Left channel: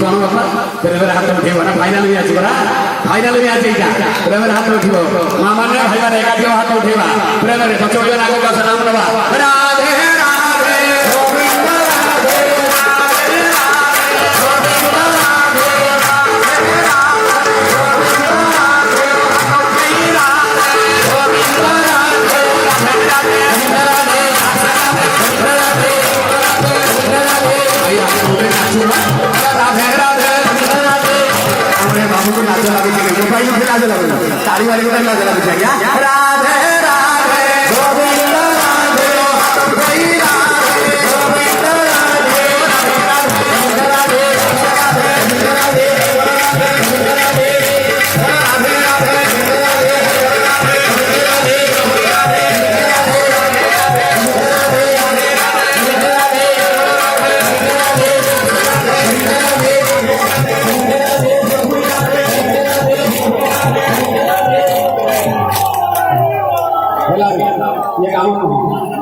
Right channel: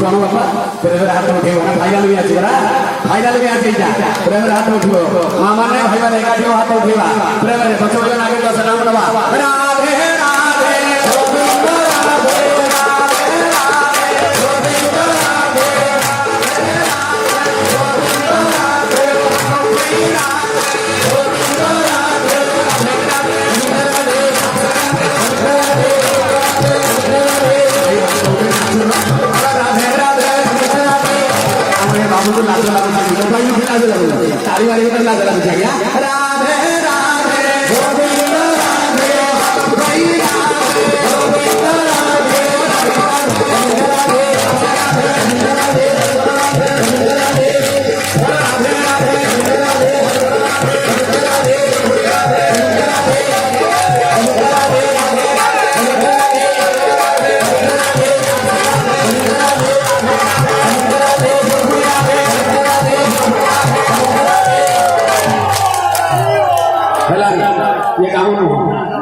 कौन बापा तेरे हाथ उठे ना फाइनाल भी आज बरा फाइनाल भी आज जा तेरे हाथ उठिबो मामा ने भाई माने एकाठी हाथ उठेबा तेरे बच्चों के आगे का सलाम देबा राधे राधे गोविंद राधे बाबू को लाज लगे मोबाइल में लाज लगे तारी वाले को लाज लगे क्या राधे राधे गोविंद राधे जय राधे गोविंद राधे राधे राधे ये काम